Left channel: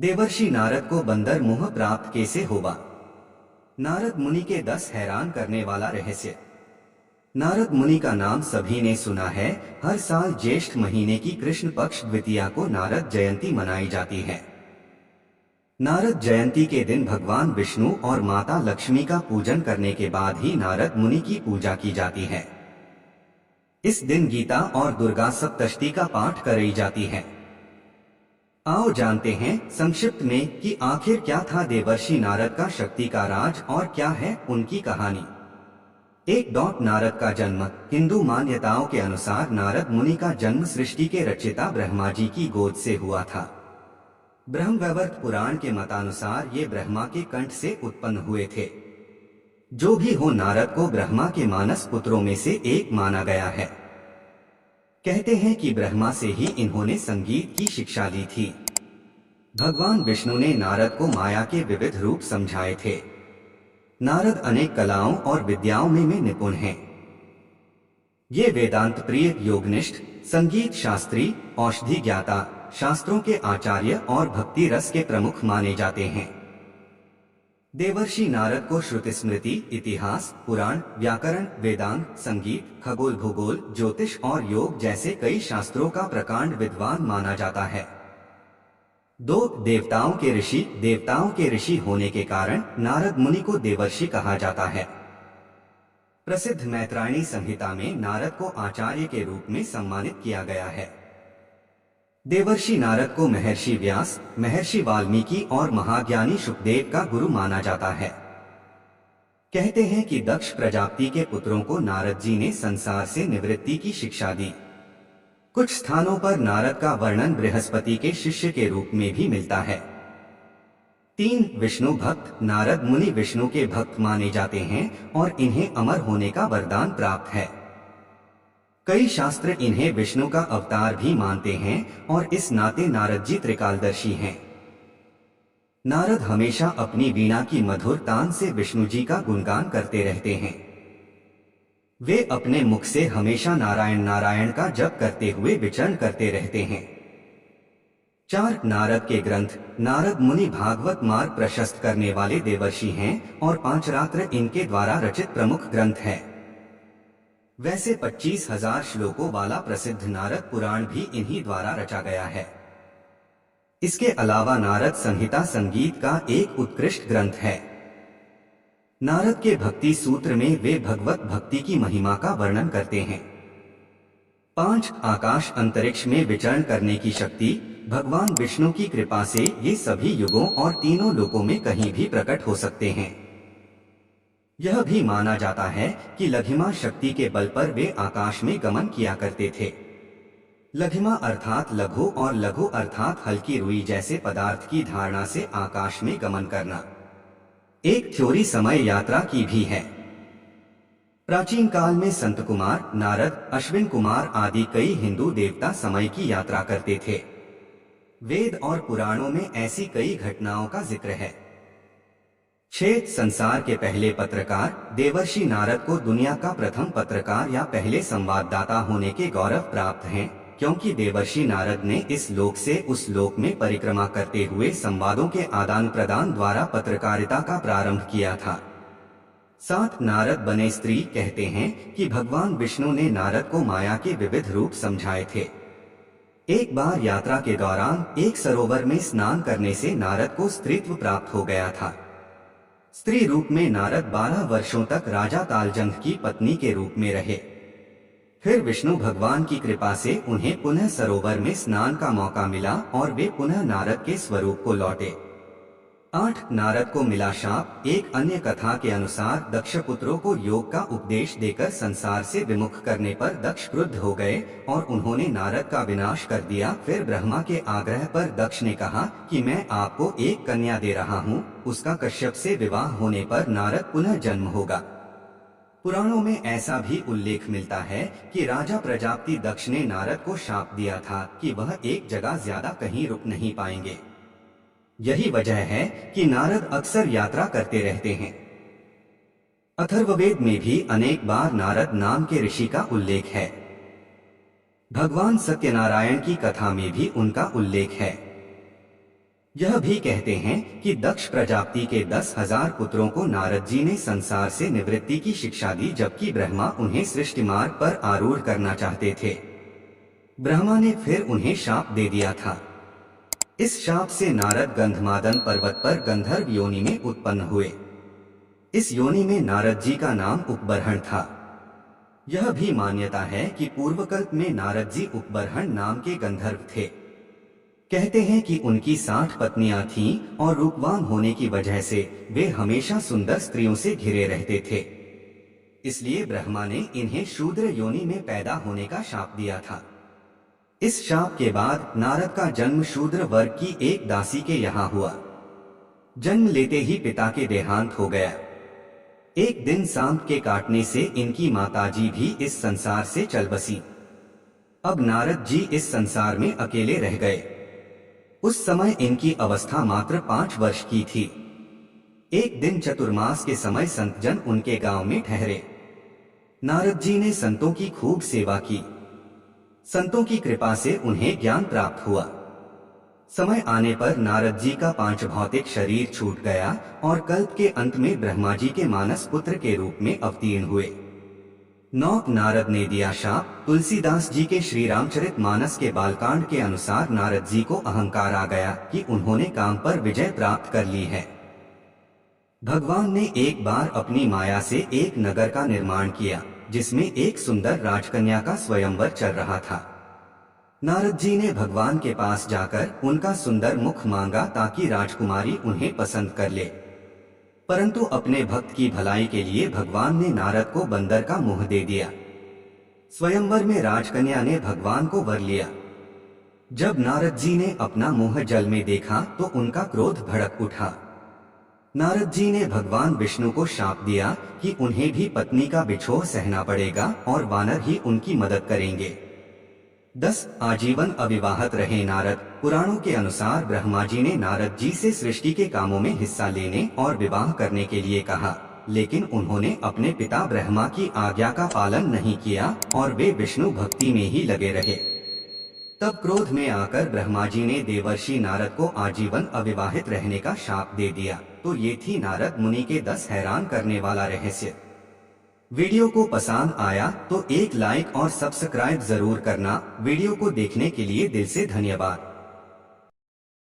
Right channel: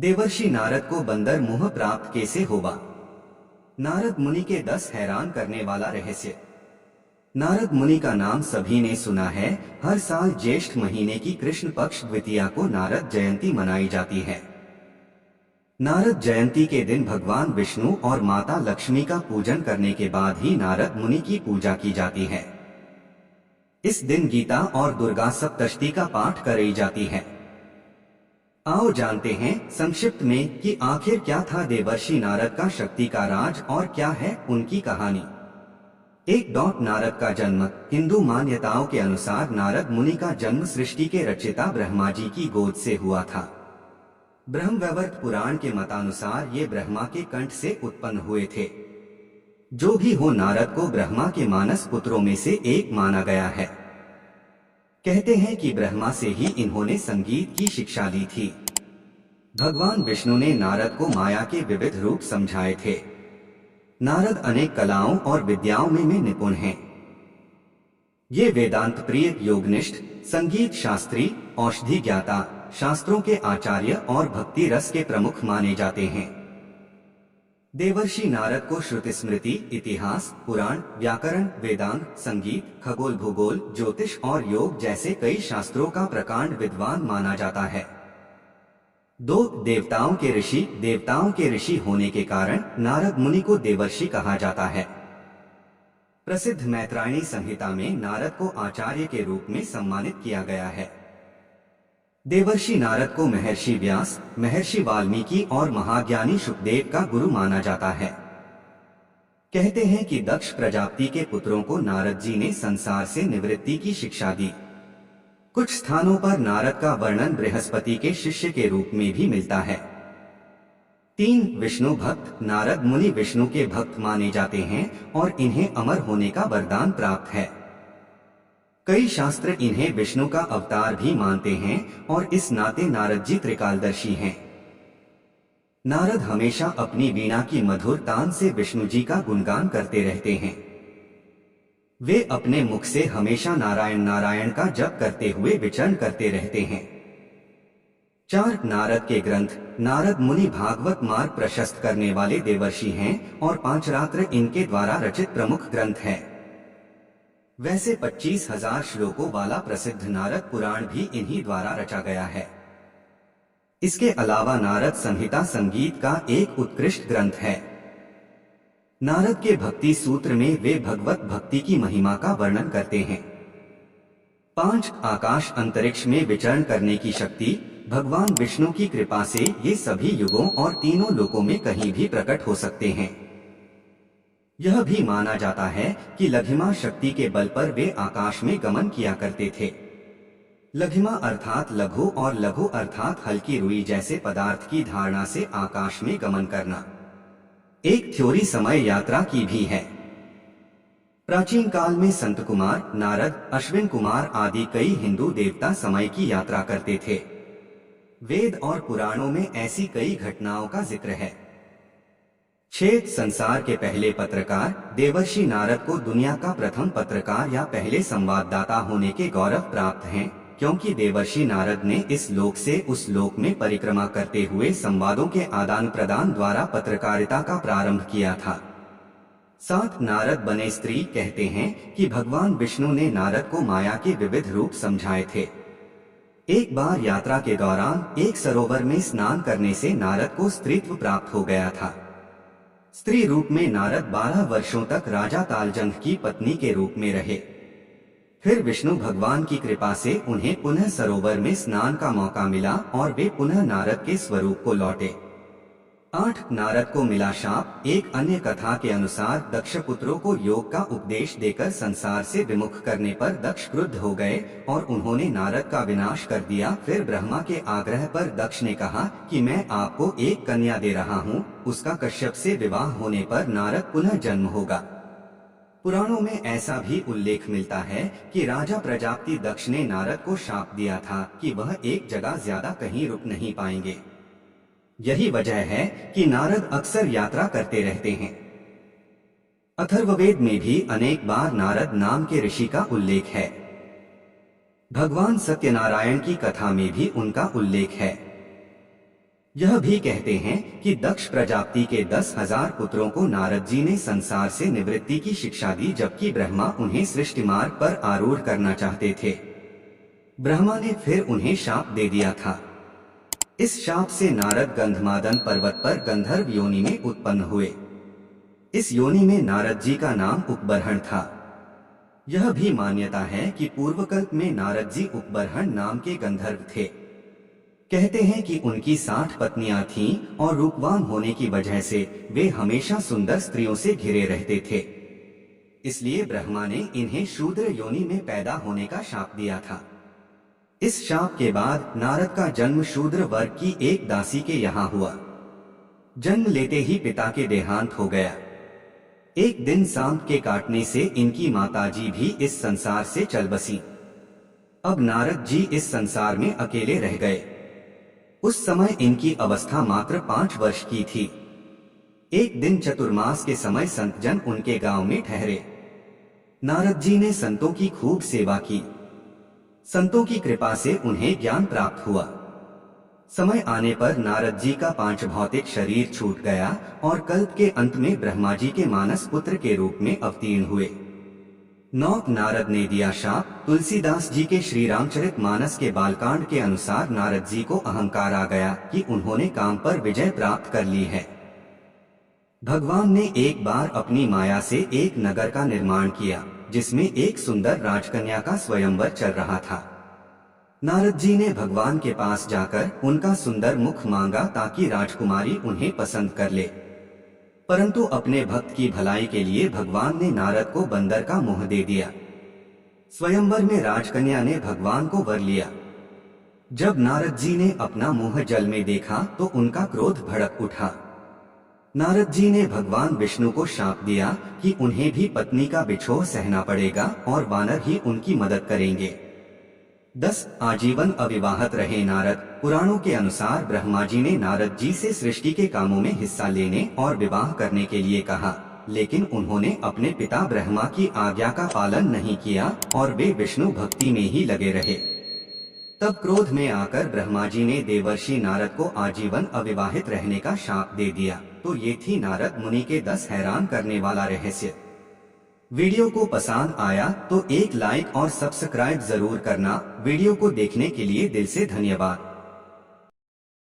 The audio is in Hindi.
देवर्षि नारद को बंदर मुह प्राप्त कैसे होगा। नारद मुनि के 10 हैरान करने वाला रहस्य। नारद मुनि का नाम सभी ने सुना है। हर साल ज्येष्ठ महीने की कृष्ण पक्ष द्वितीया को नारद जयंती मनाई जाती है। नारद जयंती के दिन भगवान विष्णु और माता लक्ष्मी का पूजन करने के बाद ही नारद मुनि की पूजा की जाती है। इस दिन गीता और दुर्गा सप्तशती का पाठ कराई जाती है। आओ जानते हैं संक्षिप्त में कि आखिर क्या था देवर्षि नारद का शक्ति का राज और क्या है उनकी कहानी। नारद का जन्म। हिंदू मान्यताओं के अनुसार नारद मुनि का जन्म सृष्टि के रचयिता ब्रह्मा जी की गोद से हुआ था। ब्रह्मवैवर्त पुराण के मतानुसार ये ब्रह्मा के कंठ से उत्पन्न हुए थे। जो भी हो, नारद को ब्रह्मा के मानस पुत्रों में से एक माना गया है। कहते हैं कि ब्रह्मा से ही इन्होंने संगीत की शिक्षा ली थी। भगवान विष्णु ने नारद को माया के विविध रूप समझाए थे। नारद अनेक कलाओं और विद्याओं में निपुण हैं। ये वेदांत प्रिय, योगनिष्ठ, संगीत शास्त्री, औषधि ज्ञाता, शास्त्रों के आचार्य और भक्ति रस के प्रमुख माने जाते हैं। देवर्षि नारद को श्रुति स्मृति, इतिहास, पुराण, व्याकरण, वेदांग, संगीत, खगोल भूगोल, ज्योतिष और योग जैसे कई शास्त्रों का प्रकांड विद्वान माना जाता है। देवताओं के ऋषि होने के कारण नारद मुनि को देवर्षि कहा जाता है। प्रसिद्ध मैत्रायणी संहिता में नारद को आचार्य के रूप में सम्मानित किया गया है। देवर्षि नारद को महर्षि व्यास, महर्षि वाल्मीकि और महाज्ञानी शुकदेव का गुरु माना जाता है। कहते हैं कि दक्ष प्रजापति के पुत्रों को नारद जी ने संसार से निवृत्ति की शिक्षा दी। कुछ स्थानों पर नारद का वर्णन बृहस्पति के शिष्य के रूप में भी मिलता है। विष्णु भक्त। नारद मुनि विष्णु के भक्त माने जाते हैं और इन्हें अमर होने का वरदान प्राप्त है। कई शास्त्र इन्हें विष्णु का अवतार भी मानते हैं और इस नाते नारद जी त्रिकालदर्शी हैं। नारद हमेशा अपनी वीणा की मधुर तान से विष्णु जी का गुणगान करते रहते हैं। वे अपने मुख से हमेशा नारायण नारायण का जप करते हुए विचरण करते रहते हैं। नारद के ग्रंथ। नारद मुनि भागवत मार्ग प्रशस्त करने वाले देवर्षि हैं और पांचरात्र इनके द्वारा रचित प्रमुख ग्रंथ है। वैसे 25,000 श्लोकों वाला प्रसिद्ध नारद पुराण भी इन्हीं द्वारा रचा गया है। इसके अलावा नारद संहिता संगीत का एक उत्कृष्ट ग्रंथ है। नारद के भक्ति सूत्र में वे भगवत भक्ति की महिमा का वर्णन करते हैं। आकाश अंतरिक्ष में विचरण करने की शक्ति। भगवान विष्णु की कृपा से ये सभी युगों और तीनों लोकों में कहीं भी प्रकट हो सकते हैं। यह भी माना जाता है कि लघिमा शक्ति के बल पर वे आकाश में गमन किया करते थे। लघिमा अर्थात लघु और लघु अर्थात हल्की रुई जैसे पदार्थ की धारणा से आकाश में गमन करना। एक थ्योरी समय यात्रा की भी है। प्राचीन काल में संत कुमार, नारद, अश्विन कुमार आदि कई हिंदू देवता समय की यात्रा करते थे। वेद और पुराणों में ऐसी कई घटनाओं का जिक्र है। संसार के पहले पत्रकार। देवर्षि नारद को दुनिया का प्रथम पत्रकार या पहले संवाददाता होने के गौरव प्राप्त हैं, क्योंकि देवर्षि नारद ने इस लोक से उस लोक में परिक्रमा करते हुए संवादों के आदान प्रदान द्वारा पत्रकारिता का प्रारंभ किया था। नारद बने स्त्री। कहते हैं कि भगवान विष्णु ने नारद को माया के विविध रूप समझाए थे। एक बार यात्रा के दौरान एक सरोवर में स्नान करने से नारद को स्त्रीत्व प्राप्त हो गया था। स्त्री रूप में नारद 12 वर्षों तक राजा तालजंग की पत्नी के रूप में रहे। फिर विष्णु भगवान की कृपा से उन्हें पुनः सरोवर में स्नान का मौका मिला और वे पुनः नारद के स्वरूप को लौटे। नारद को मिला शाप। एक अन्य कथा के अनुसार दक्ष पुत्रों को योग का उपदेश देकर संसार से विमुख करने पर दक्ष क्रुद्ध हो गए और उन्होंने नारद का विनाश कर दिया। फिर ब्रह्मा के आग्रह पर दक्ष ने कहा कि मैं आपको एक कन्या दे रहा हूँ, उसका कश्यप से विवाह होने पर नारद पुनः जन्म होगा। पुराणों में ऐसा भी उल्लेख मिलता है कि राजा प्रजापति दक्ष ने नारद को शाप दिया था कि वह एक जगह ज्यादा कहीं रुक नहीं पाएंगे। यही वजह है कि नारद अक्सर यात्रा करते रहते हैं। अथर्ववेद में भी अनेक बार नारद नाम के ऋषि का उल्लेख है। भगवान सत्यनारायण की कथा में भी उनका उल्लेख है। यह भी कहते हैं कि दक्ष प्रजापति के 10,000 पुत्रों को नारद जी ने संसार से निवृत्ति की शिक्षा दी, जबकि ब्रह्मा उन्हें सृष्टि मार्ग पर आरूढ़ करना चाहते थे। ब्रह्मा ने फिर उन्हें शाप दे दिया था। इस शाप से नारद गंधमादन पर्वत पर गंधर्व योनि में उत्पन्न हुए। इस योनि में नारद जी का नाम उपबर्हण था। यह भी मान्यता है कि पूर्वकल्प में नारद जी उपबर्हण नाम के गंधर्व थे। कहते हैं कि उनकी 60 पत्नियां थीं और रूपवान होने की वजह से वे हमेशा सुंदर स्त्रियों से घिरे रहते थे। इसलिए ब्रह्मा ने इन्हें शूद्र योनि में पैदा होने का शाप दिया था। इस शाप के बाद नारद का जन्म शूद्र वर्ग की एक दासी के यहाँ हुआ। जन्म लेते ही पिता के देहांत हो गया। एक दिन सांप के काटने से इनकी माताजी भी इस संसार से चल बसी। अब नारद जी इस संसार में अकेले रह गए। उस समय इनकी अवस्था मात्र 5 वर्ष की थी। एक दिन चतुर्मास के समय संतजन उनके गांव में ठहरे। नारद जी ने संतों की खूब सेवा की। संतों की कृपा से उन्हें ज्ञान प्राप्त हुआ। समय आने पर नारद जी का 5 भौतिक शरीर छूट गया और कल्प के अंत में ब्रह्मा जी के मानस पुत्र के रूप में अवतीर्ण हुए। नौक नारद ने दिया शाप। तुलसीदास जी के श्री रामचरित मानस के बालकांड के अनुसार नारद जी को अहंकार आ गया कि उन्होंने काम पर विजय प्राप्त कर ली है। भगवान ने एक बार अपनी माया से एक नगर का निर्माण किया, जिसमें एक सुंदर राजकन्या का स्वयंवर चल रहा था। नारद जी ने भगवान के पास जाकर उनका सुंदर मुख मांगा ताकि राजकुमारी उन्हें पसंद कर ले। परंतु अपने भक्त की भलाई के लिए भगवान ने नारद को बंदर का मुंह दे दिया। स्वयंवर में राजकन्या ने भगवान को वर लिया। जब नारद जी ने अपना मुंह जल में देखा तो उनका क्रोध भड़क उठा। नारद जी ने भगवान विष्णु को शाप दिया कि उन्हें भी पत्नी का बिछोह सहना पड़ेगा और वानर ही उनकी मदद करेंगे। 10 आजीवन अविवाहित रहे नारद। पुराणों के अनुसार ब्रह्मा जी ने नारद जी से सृष्टि के कामों में हिस्सा लेने और विवाह करने के लिए कहा, लेकिन उन्होंने अपने पिता ब्रह्मा की आज्ञा का पालन नहीं किया और वे विष्णु भक्ति में ही लगे रहे। तब क्रोध में आकर ब्रह्मा जी ने देवर्षि नारद को आजीवन अविवाहित रहने का शाप दे दिया। तो ये थी नारद मुनि के 10 हैरान करने वाला रहस्य। वीडियो को पसंद आया तो एक लाइक और सब्सक्राइब जरूर करना। वीडियो को देखने के लिए दिल से धन्यवाद।